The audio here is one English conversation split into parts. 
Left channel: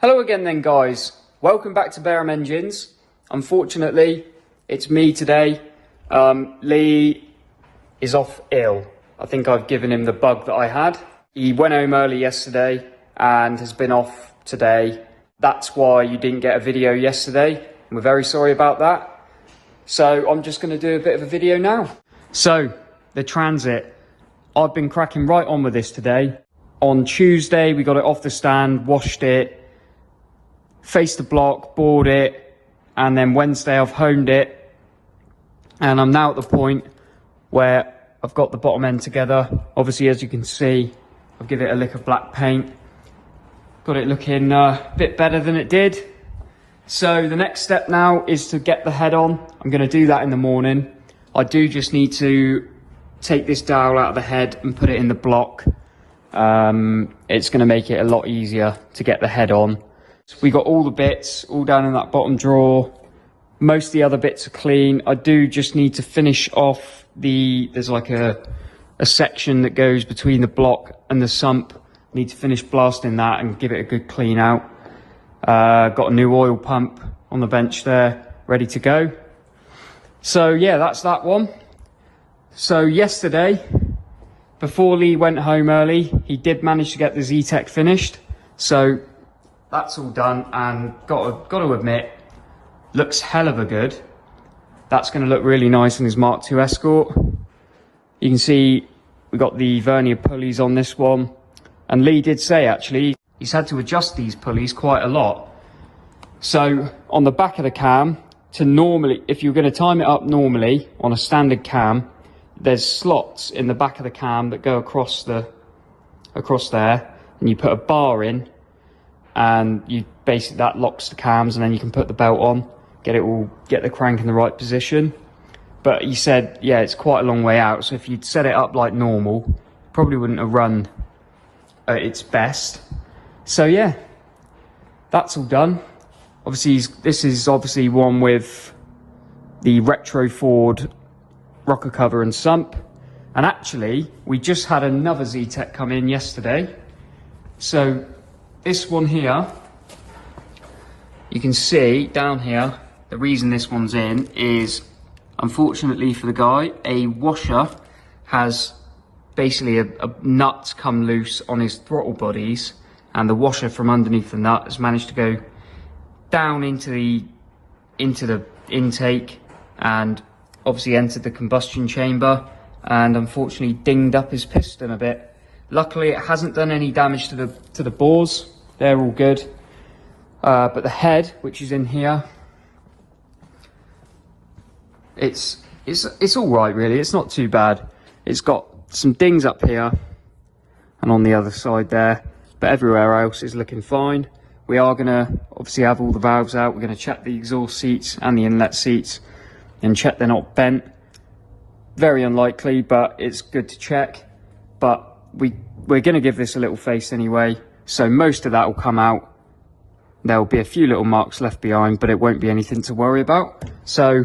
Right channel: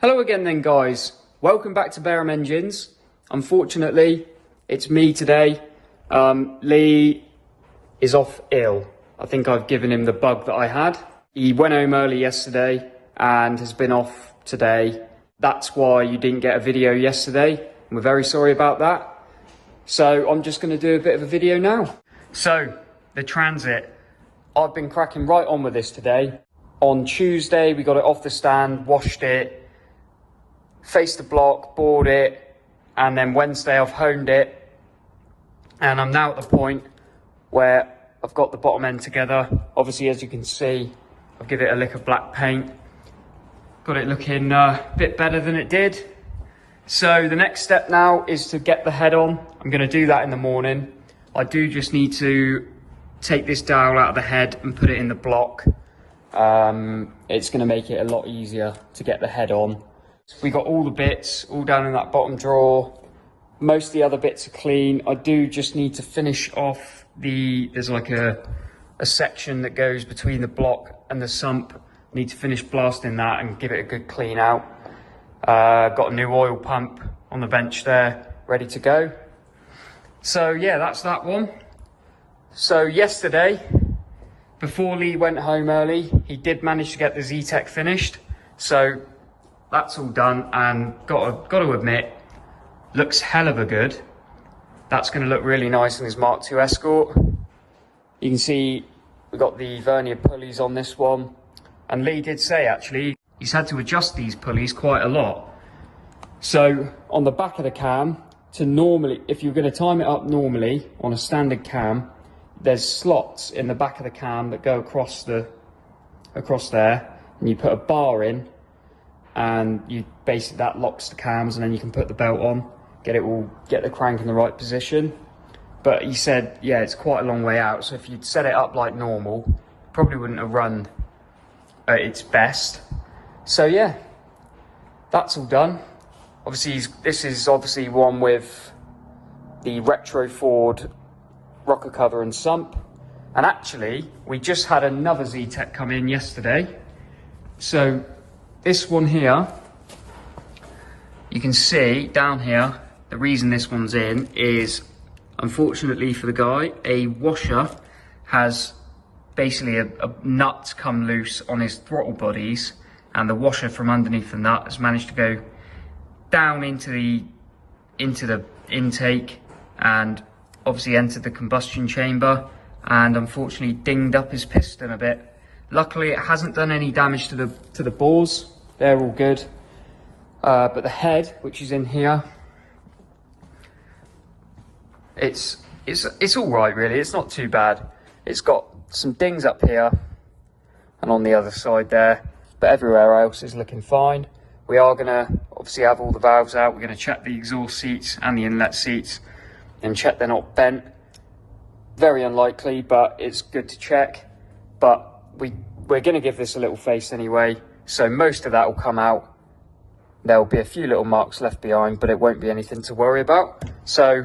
Hello again then guys, welcome back to Barham Engines. Unfortunately, it's me today. Lee is off ill. I think I've given him the bug that I had. He went home early yesterday and has been off today. That's why you didn't get a video yesterday. We're very sorry about that. So I'm just going to do a bit of a video now. So, the Transit. I've been cracking right on with this today. On Tuesday, we got it off the stand, washed it, faced the block, bored it, and then Wednesday I've honed it, and I'm now at the point where I've got the bottom end together. Obviously, as you can see, I'll give it a lick of black paint. Got it looking a bit better than it did. So the next step now is to get the head on. I'm going to do that in the morning. I do just need to take this dowel out of the head and put it in the block. It's going to make it a lot easier to get the head on. We got all the bits all down in that bottom drawer. Most of the other bits are clean. I do just need to finish off there's like a section that goes between the block and the sump. I need to finish blasting that and give it a good clean out. Got a new oil pump on the bench there, ready to go. So yeah, that's that one. So yesterday, before Lee went home early, he did manage to get the Zetec finished. So that's all done, and got to admit, looks hell of a good. That's going to look really nice in his Mark II Escort. You can see we got the vernier pulleys on this one, and Lee did say actually he's had to adjust these pulleys quite a lot. So on the back of the cam, to normally, if you're going to time it up normally on a standard cam, there's slots in the back of the cam that go across there, and you put a bar in, and you basically that locks the cams, and then you can put the belt on, get the crank in the right position. But he said, yeah, it's quite a long way out, so if you'd set it up like normal, probably wouldn't have run at its best. So yeah, that's all done. Obviously, this is obviously one with the retro Ford rocker cover and sump. And actually, we just had another Zetec come in yesterday. So this one here, you can see down here, the reason this one's in is, unfortunately for the guy, a washer has basically a nut come loose on his throttle bodies, and the washer from underneath the nut has managed to go down into the intake and obviously entered the combustion chamber, and unfortunately dinged up his piston a bit. Luckily it hasn't done any damage to the bores, they're all good. But the head, which is in here, it's all right really, it's not too bad. It's got some dings up here and on the other side there, but everywhere else is looking fine. We are going to obviously have all the valves out. We're going to check the exhaust seats and the inlet seats and check they're not bent. Very unlikely, but it's good to check. But we're going to give this a little face anyway, so most of that will come out. There will be a few little marks left behind, but it won't be anything to worry about. So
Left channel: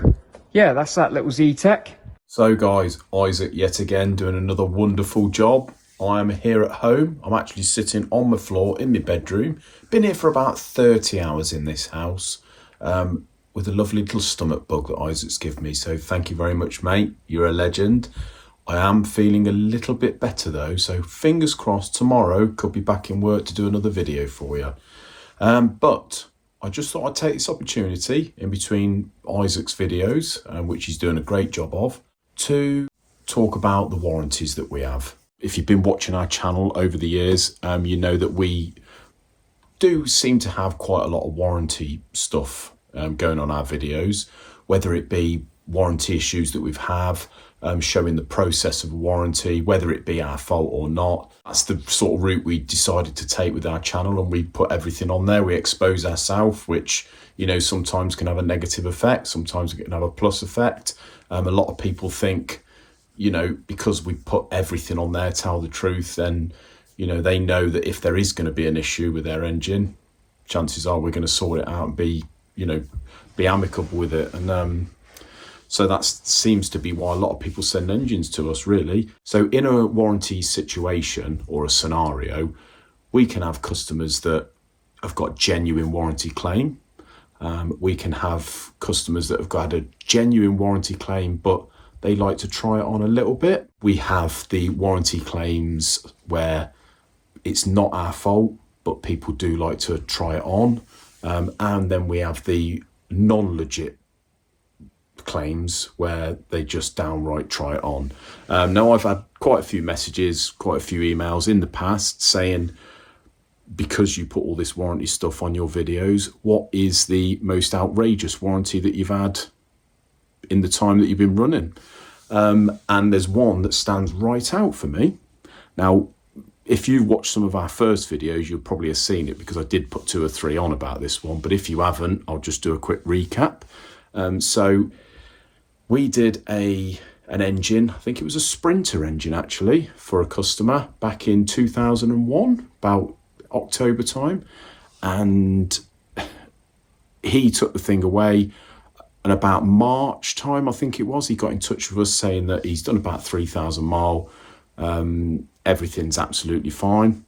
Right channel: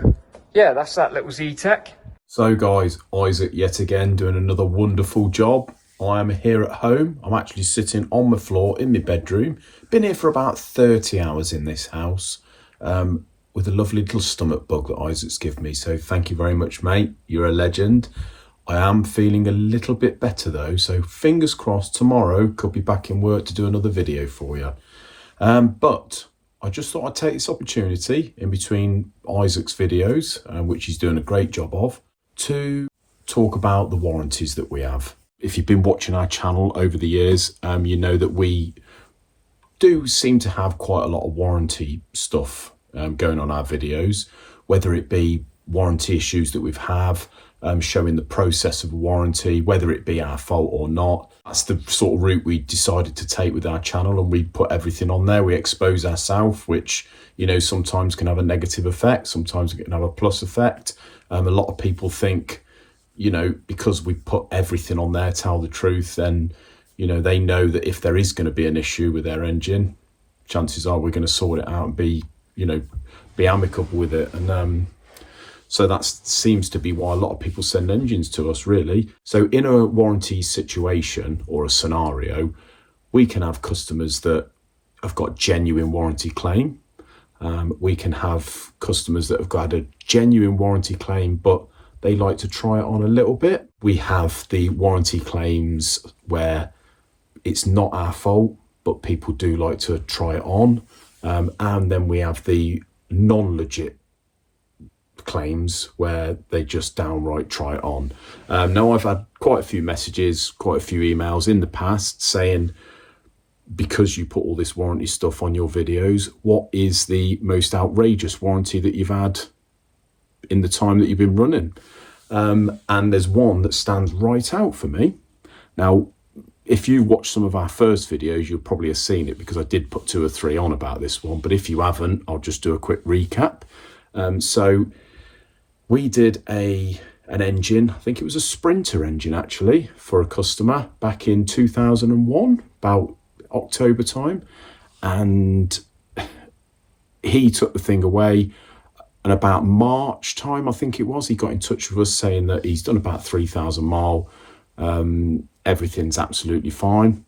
yeah, that's that little Zetec. So guys, Isaac yet again doing another wonderful job. I am here at home. I'm actually sitting on my floor in my bedroom. Been here for about 30 hours in this house with a lovely little stomach bug that Isaac's given me. So thank you very much, mate. You're a legend. I am feeling a little bit better though. So fingers crossed tomorrow could be back in work to do another video for you. But I just thought I'd take this opportunity in between Isaac's videos, which he's doing a great job of, to talk about the warranties that we have. If you've been watching our channel over the years, you know that we do seem to have quite a lot of warranty stuff going on our videos, whether it be warranty issues that we've have, showing the process of a warranty, whether it be our fault or not. That's the sort of route we decided to take with our channel, and we put everything on there. We expose ourselves, which, you know, sometimes can have a negative effect, sometimes it can have a plus effect. A lot of people think, you know, because we put everything on there, tell the truth, then, you know, they know that if there is going to be an issue with their engine, chances are we're going to sort it out and be, you know, be amicable with it. And so that seems to be why a lot of people send engines to us, really. So in a warranty situation or a scenario, we can have customers that have got genuine warranty claim. We can have customers that have got a genuine warranty claim, but they like to try it on a little bit. We have the warranty claims where it's not our fault, but people do like to try it on. And then we have the non-legit claims where they just downright try it on. Now, I've had quite a few messages, quite a few emails in the past saying, because you put all this warranty stuff on your videos, what is the most outrageous warranty that you've had in the time that you've been running? And there's one that stands right out for me. Now, if you watched some of our first videos, you'll probably have seen it because I did put 2 or 3 on about this one. But if you haven't, I'll just do a quick recap. So we did an engine, I think it was a Sprinter engine actually, for a customer back in 2001, about October time. And he took the thing away, and about March time, I think it was, he got in touch with us saying that he's done about 3,000 mile. Everything's absolutely fine.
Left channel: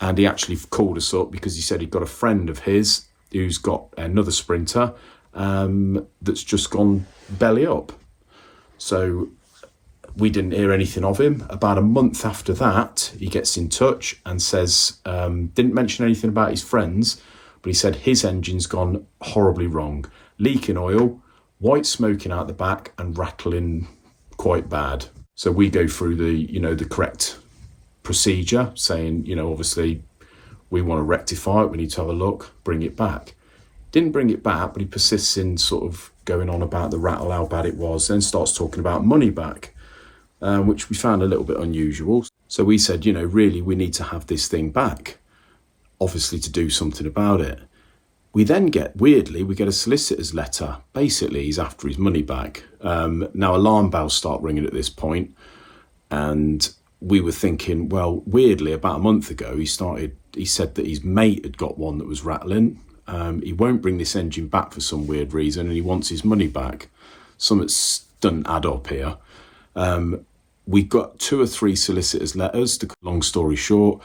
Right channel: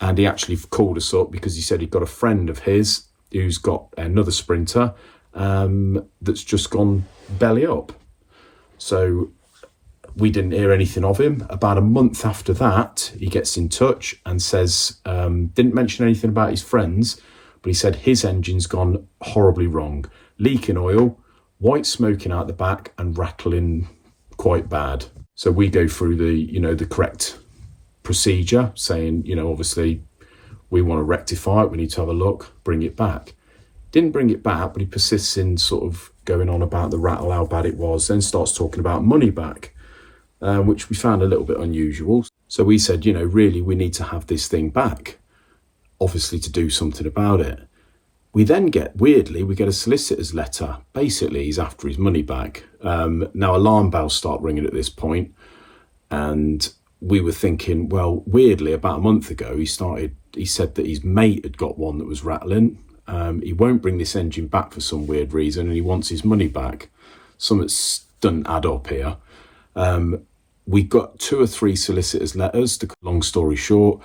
And he actually called us up because he said he'd got a friend of his who's got another Sprinter that's just gone belly up. So we didn't hear anything of him. About a month after that, he gets in touch and says, didn't mention anything about his friends, but he said his engine's gone horribly wrong. Leaking oil, white smoking out the back, and rattling quite bad. So we go through the correct procedure, saying, obviously we want to rectify it, we need to have a look, bring it back. Didn't bring it back, but he persists in sort of going on about the rattle, how bad it was, then starts talking about money back, which we found a little bit unusual. So we said, really, we need to have this thing back, obviously to do something about it. We then get a solicitor's letter. Basically, he's after his money back. Now, alarm bells start ringing at this point, and we were thinking, well, weirdly, about a month ago, he said that his mate had got one that was rattling. He won't bring this engine back for some weird reason, and he wants his money back. Something doesn't add up here. We got 2 or 3 solicitors' letters. Long story short,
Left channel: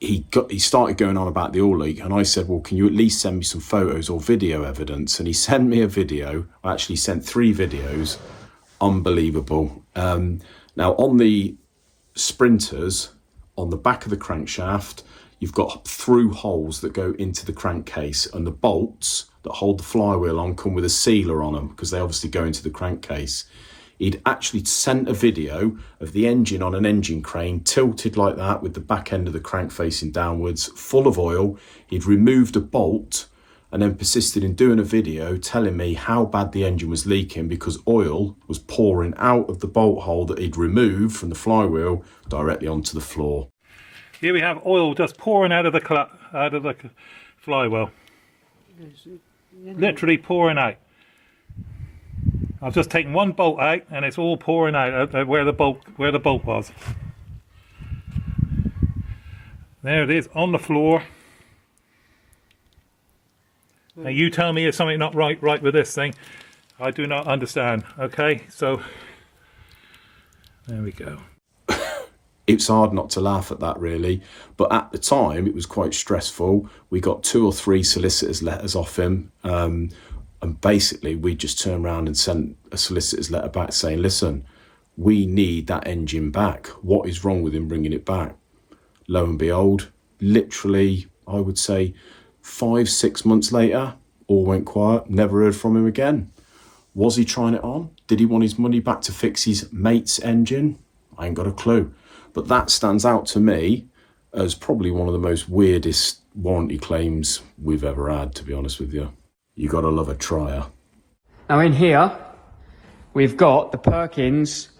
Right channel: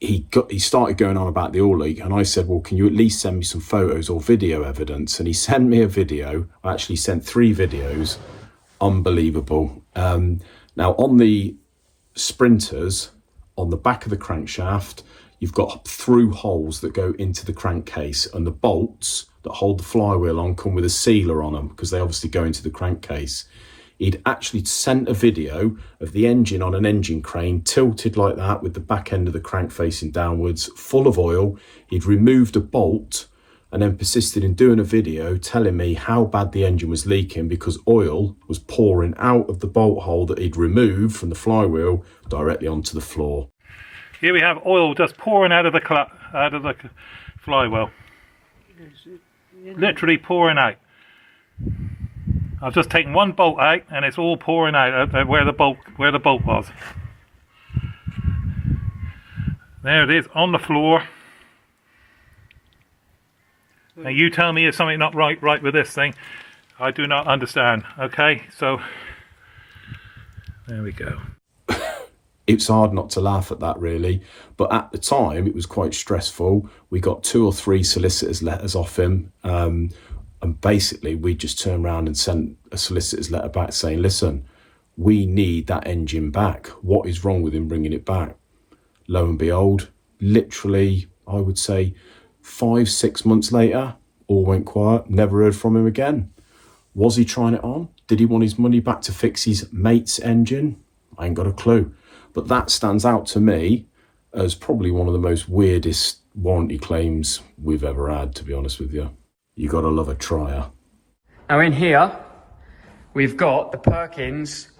he started going on about the oil leak, and I said, well, can you at least send me some photos or video evidence? And he sent me a video. I actually sent 3 videos. Unbelievable. Now, on the Sprinters, on the back of the crankshaft, you've got through holes that go into the crankcase, and the bolts that hold the flywheel on come with a sealer on them because they obviously go into the crankcase. He'd actually sent a video of the engine on an engine crane tilted like that with the back end of the crank facing downwards, full of oil. He'd removed a bolt and then persisted in doing a video telling me how bad the engine was leaking because oil was pouring out of the bolt hole that he'd removed from the flywheel directly onto the floor. Here we have oil just pouring out of the flywheel. Literally pouring out. I've just taken one bolt out and it's all pouring out where the bolt was. There it is on the floor. Now you tell me if something not right with this thing. I do not understand. Okay, so there we go. It's hard not to laugh at that, really. But at the time, it was quite stressful. We got 2 or 3 solicitors' letters off him. And basically, we just turned around and sent a solicitor's letter back saying, listen, we need that engine back. What is wrong with him bringing it back? Lo and behold, literally, I would say 5-6 months later, all went quiet. Never heard from him again. Was he trying it on? Did he want his money back to fix his mate's engine? I ain't got a clue. But that stands out to me as probably one of the most weirdest warranty claims we've ever had, to be honest with you. You gotta love a trier. Now in here, we've got the Perkins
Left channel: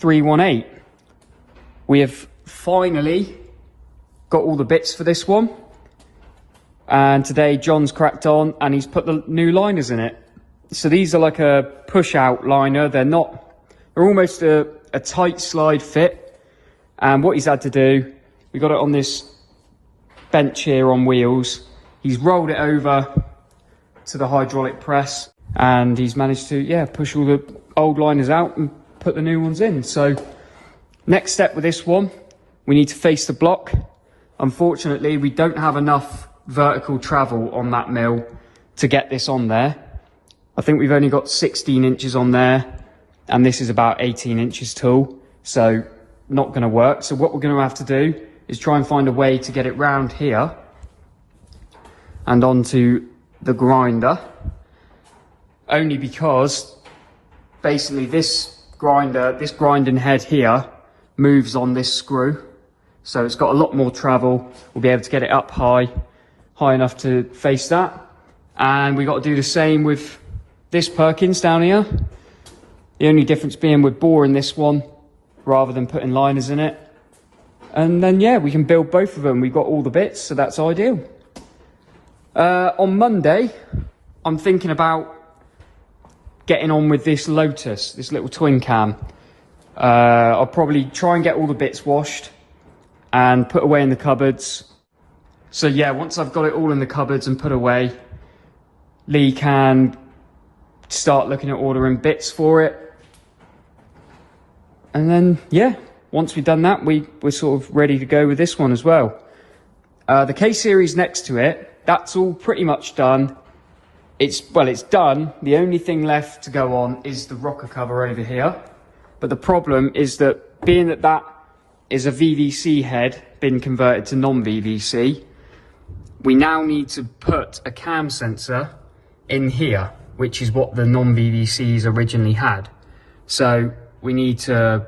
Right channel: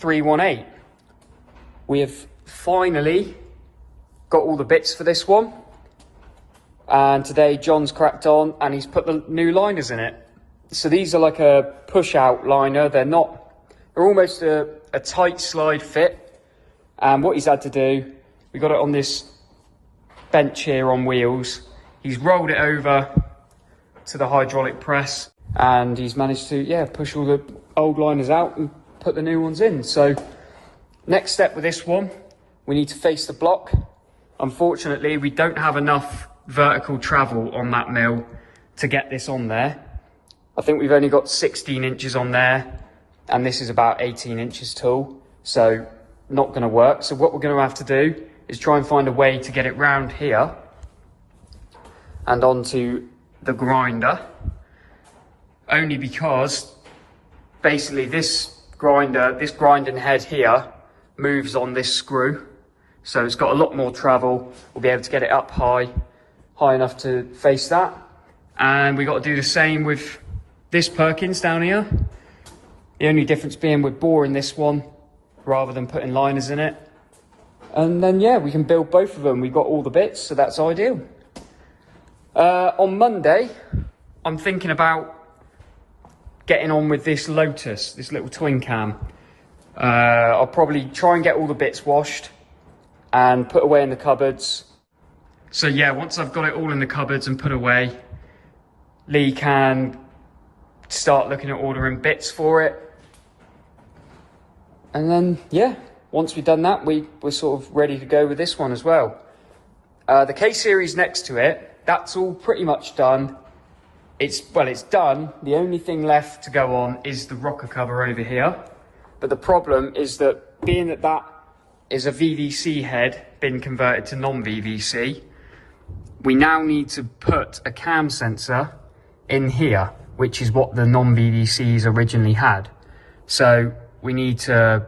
318. We have finally got all the bits for this one. And today John's cracked on and he's put the new liners in it. So these are like a push out liner. They're almost a tight slide fit. And what he's had to do, we got it on this bench here on wheels. He's rolled it over to the hydraulic press and he's managed to push all the old liners out and put the new ones in. So next step with this one, we need to face the block. unfortunately we don't have enough vertical travel on that mill to get this on there. I think we've only got 16 inches on there, and this is about 18 inches tall, so not going to work. So what we're going to have to do is try and find a way to get it round here and onto the grinder, only because basically this grinding head here moves on this screw, so it's got a lot more travel. We'll be able to get it up high enough to face that. And we got to do the same with this Perkins down here. The only difference being we're boring this one rather than putting liners in it. And then yeah, we can build both of them. We've got all the bits, so that's ideal. On Monday, I'm thinking about getting on with this Lotus, this little twin cam. I'll probably try and get all the bits washed and put away in the cupboards. So yeah, once I've got it all in the cupboards and put away, Lee can start looking at ordering bits for it. And then yeah, once we've done that, we're sort of ready to go with this one as well. The K-series next to it, that's all pretty much done. It's done. The only thing left to go on is the rocker cover over here. But the problem is that being that that is a VVC head been converted to non-VVC, we now need to put a cam sensor in here, which is what the non-VVCs originally had. So we need to,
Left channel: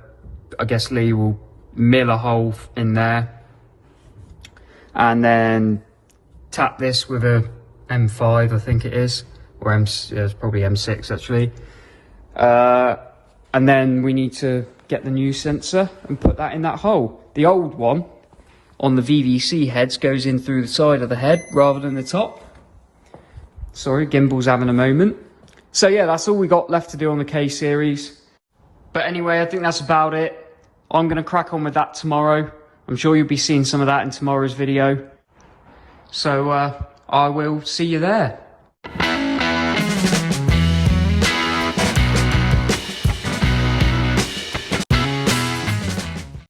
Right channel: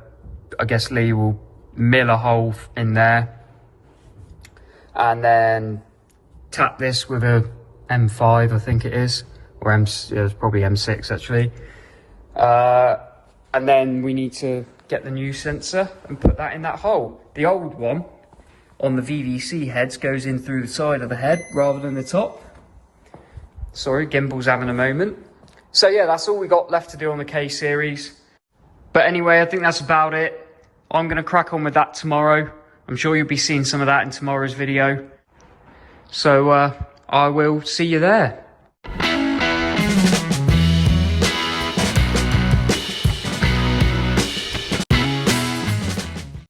I guess Lee will mill a hole in there and then tap this with a M5, I think it is, or it's probably M6 actually. And then we need to get the new sensor and put that in that hole. The old one on the VVC heads goes in through the side of the head rather than the top. Sorry, gimbal's having a moment. So yeah, that's all we got left to do on the K-series. But anyway, I think that's about it. I'm going to crack on with that tomorrow. I'm sure you'll be seeing some of that in tomorrow's video. So I will see you there.